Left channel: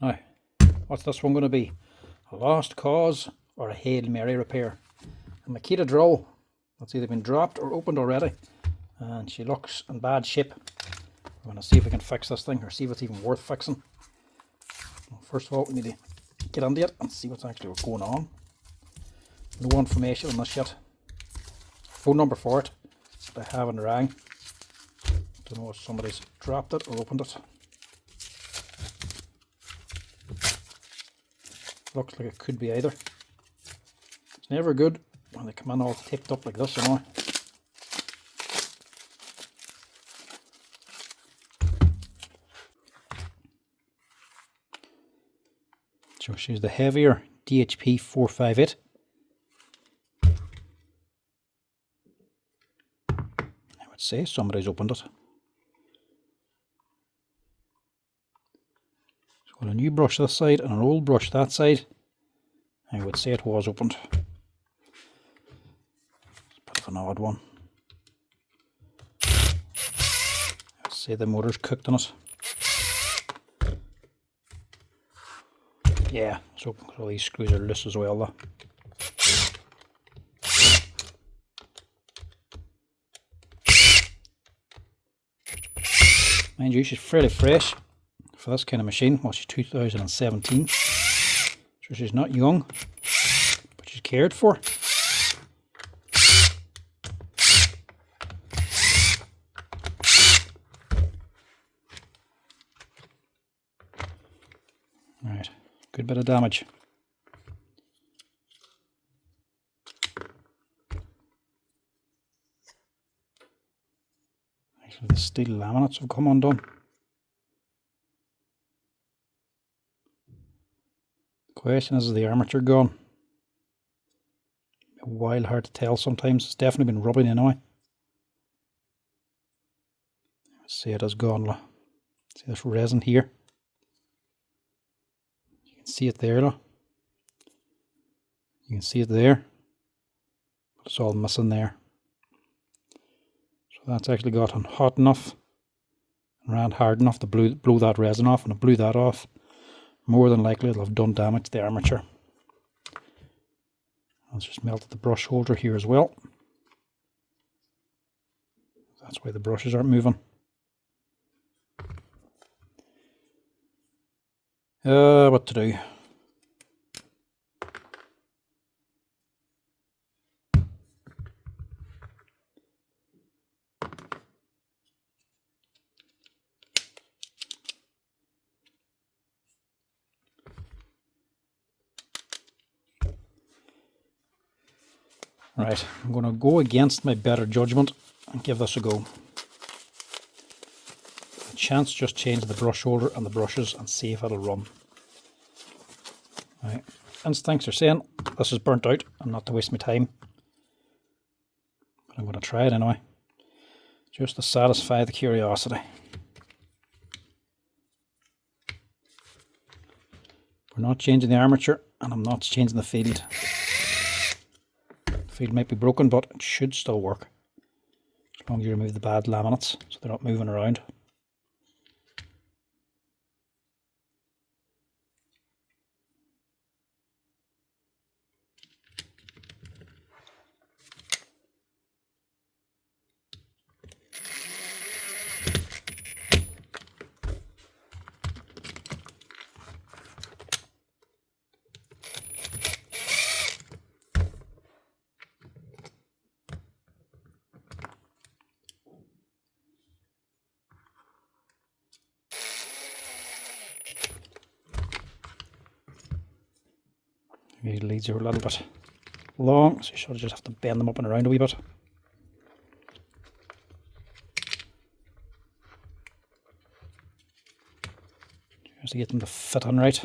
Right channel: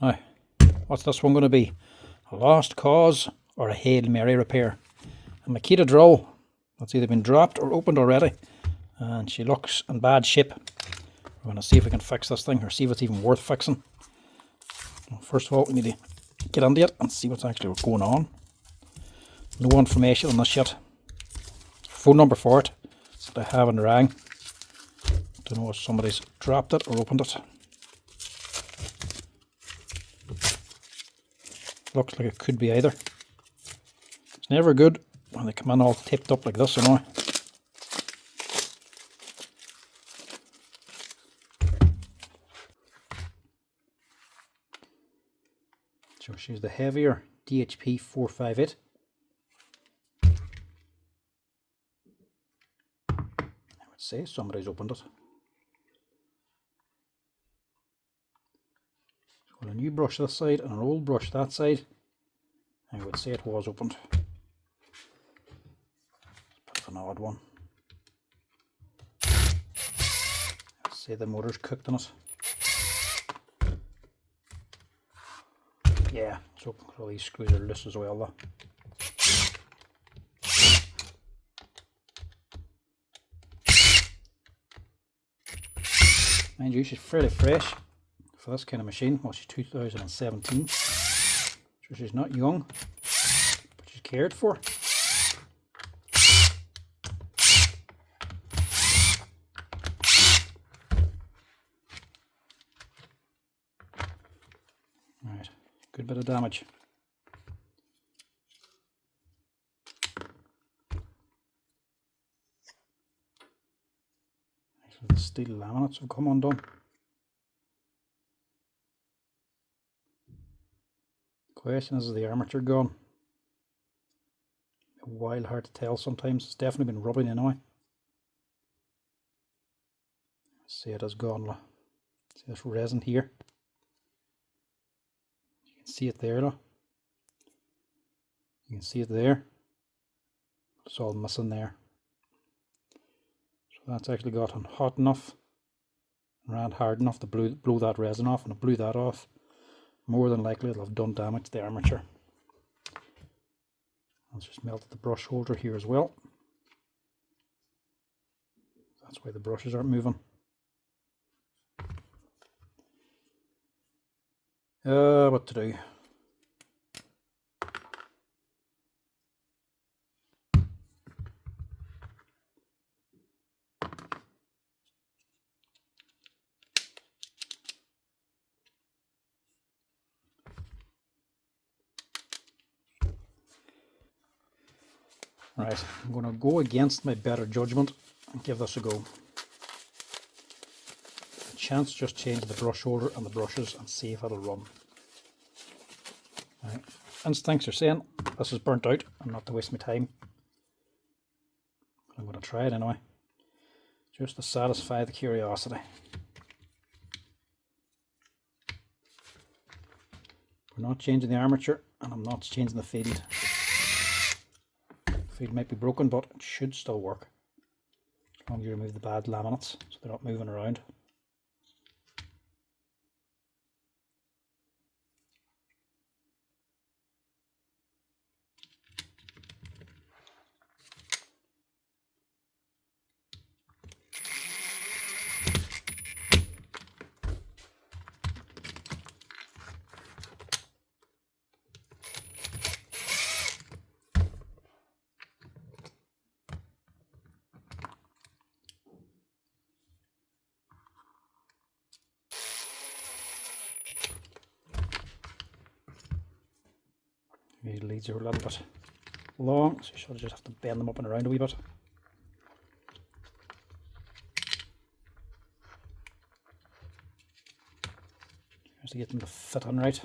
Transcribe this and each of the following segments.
Now, what's this one going to be? A lost cause or a Hail Mary repair? A Makita drill that's either been dropped or opened already, and she looks in bad shape. We're going to see if we can fix this thing, or see if it's even worth fixing. First of all, we need to get into it and see what's actually going on. No information on this yet. Phone number for it that I haven't rang. Don't know if somebody's dropped it or opened it. Looks like it could be either. It's never good when they come in all taped up like this, you know. So she's the heavier DHP 458. I would say somebody's opened it. So with a new brush this side and an old brush that side, I would say it was opened. It's a bit of an odd one. I'd say the motor's cooked on it. Yeah, it's open because all these screws are loose as well though. Mind you, she's fairly fresh for this kind of machine. Well, she's 2017, so she's not young, but she's cared for. Right, good bit of damage. Actually, the steel laminates have come undone. The question is the armature gone? A while hard to tell sometimes. It's definitely been rubbing anyway. See, it has gone. See this resin here? You can see it there. You can see it there. But it's all missing there. So that's actually gotten hot enough, ran hard enough to blow that resin off, and it blew that off. More than likely it'll have done damage to the armature. Let's just melted the brush holder here as well. That's why the brushes aren't moving. What to do? Right, I'm going to go against my better judgment and give this a go. A chance just change the brush holder and the brushes and see if it'll run. Right. Instincts are saying this is burnt out and not to waste my time. But I'm going to try it anyway, just to satisfy the curiosity. We're not changing the armature, and I'm not changing the field. The field might be broken, but it should still work, as long as you remove the bad laminates so they're not moving around. These leads are a little bit long, so you should just have to bend them up and around a wee bit. Just to get them to fit on right.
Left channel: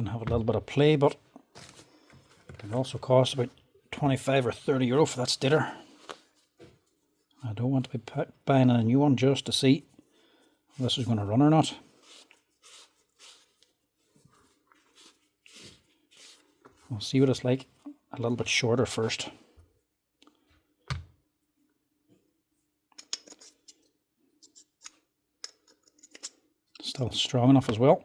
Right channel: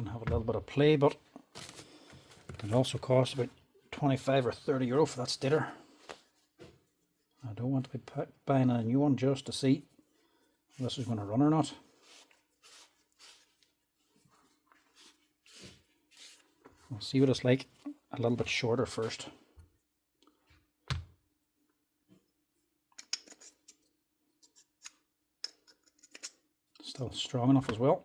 going to have a little bit of play, but it also costs about 25 or 30 euro for that stator. I don't want to be buying a new one just to see if this is going to run or not. We'll see what it's like a little bit shorter first. Still strong enough as well.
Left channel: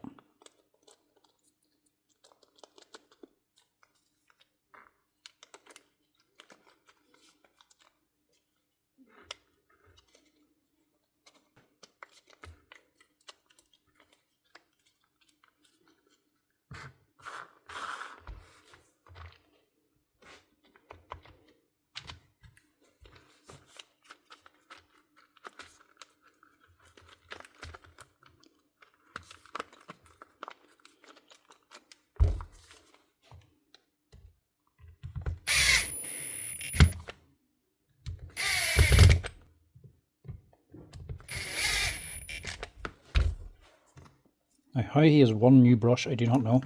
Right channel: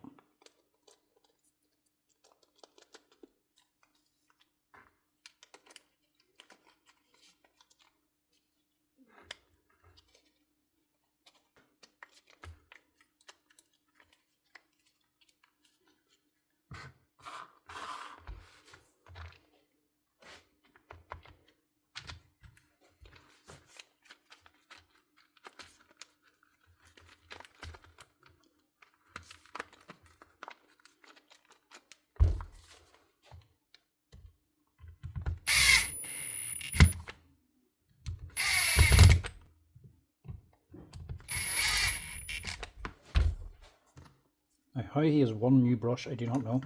Now, how he has one new brush, I do not know.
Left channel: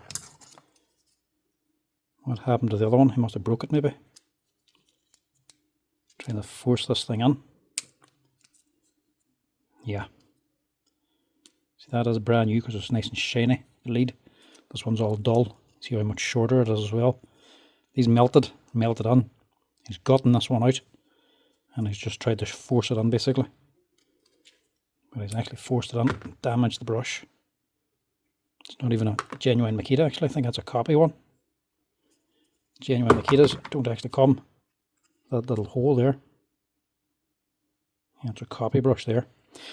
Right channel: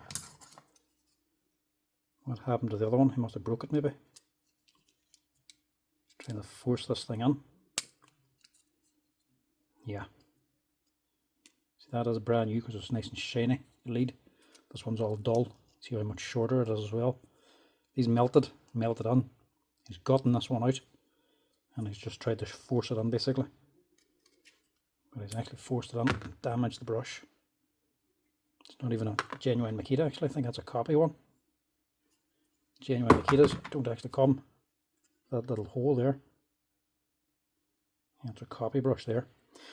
What happened to the other one? He must have broke it maybe. Trying to force this thing in. Yeah. See, that is brand new because it's nice and shiny, the lead. This one's all dull. See how much shorter it is as well. These melted in. He's gotten this one out. And he's just tried to force it in basically. But he's actually forced it in and damaged the brush. It's not even a genuine Makita actually, I think that's a copy one. Genuine Makitas don't actually come. That little hole there. Yeah, it's a copy brush there.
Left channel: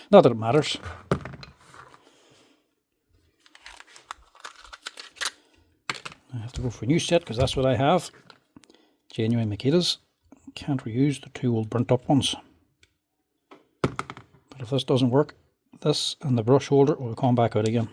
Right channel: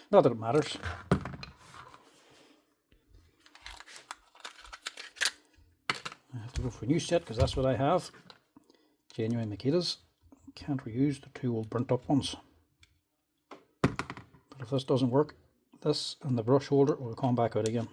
Not that it matters. I have to go for a new set because that's what I have. Genuine Makitas. Can't reuse the two old burnt up ones. But if this doesn't work, this and the brush holder will come back out again.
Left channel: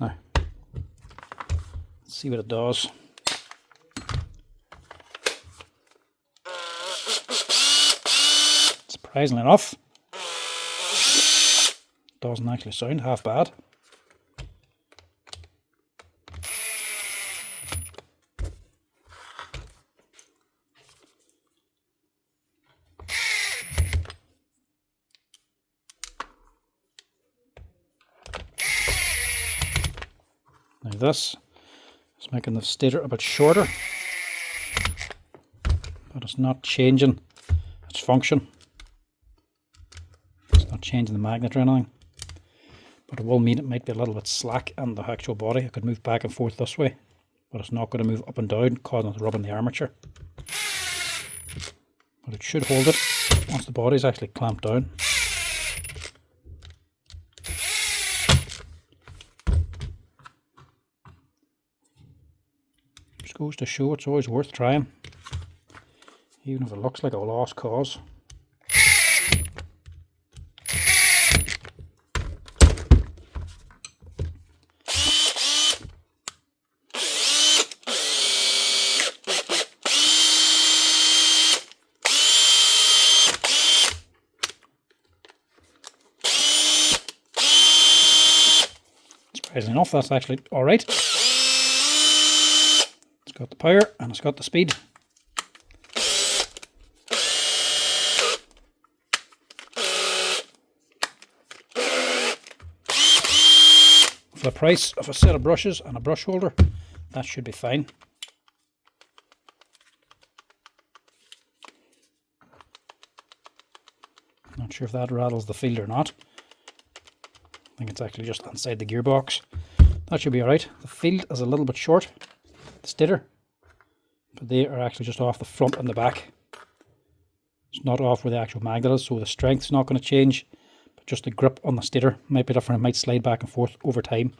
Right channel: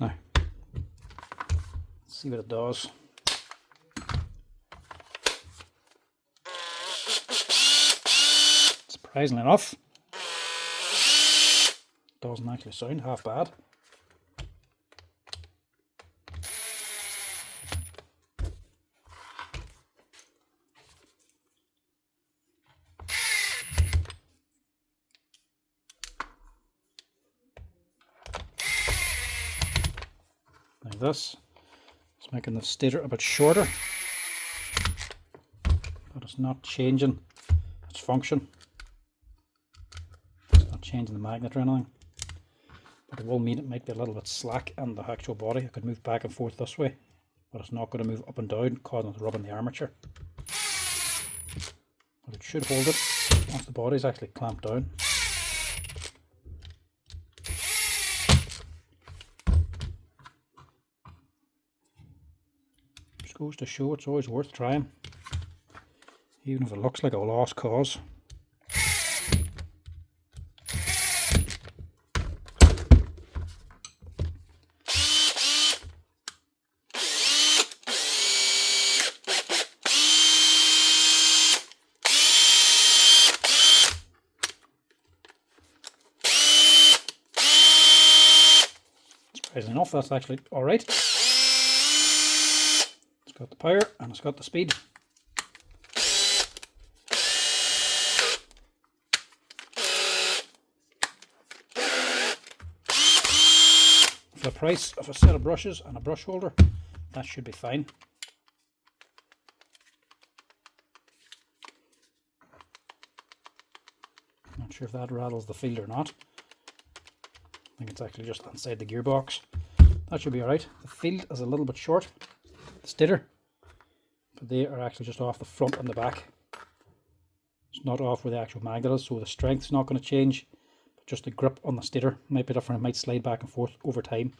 Now, let's see what it does. Surprisingly enough, doesn't actually sound half bad. Now this is making the stator a bit shorter, but it's not changing its function. It's not changing the magnet or anything, but it will mean it might be a little bit slack in the actual body. It could move back and forth this way, but it's not going to move up and down, causing it to rub in the armature. But it should hold it once the body is actually clamped down. Just goes to show it's always worth trying, even if it looks like a lost cause. Surprisingly enough, that's actually alright. It's got the power and it's got the speed. For the price of a set of brushes and a brush holder, that should be fine. Not sure if that rattles the field or not. I think it's actually just inside the gearbox. That should be alright. The field is a little bit short, the stator, but they are actually just off the front and the back. It's not off where the actual magnet is, so the strength's not going to change, but just the grip on the stator might be different. It might slide back and forth over time.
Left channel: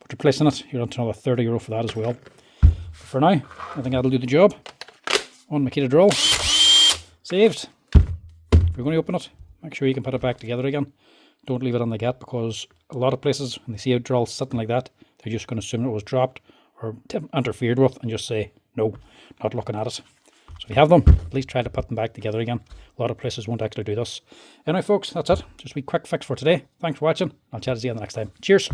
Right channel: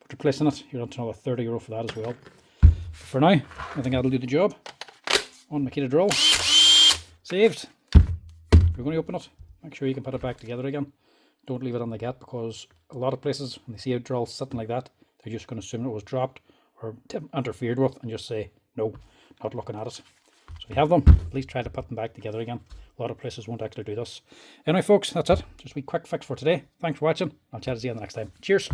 But replacing it, you're on to another 30 euro for that as well. But for now, I think that'll do the job. One Makita drill. Saved. If you're going to open it, make sure you can put it back together again. Don't leave it on the gap, because a lot of places, when they see a drill sitting like that, they're just going to assume it was dropped or interfered with and just say, no, not looking at it. So if you have them, please try to put them back together again. A lot of places won't actually do this. Anyway, folks, that's it. Just a wee quick fix for today. Thanks for watching. I'll chat to you next time. Cheers.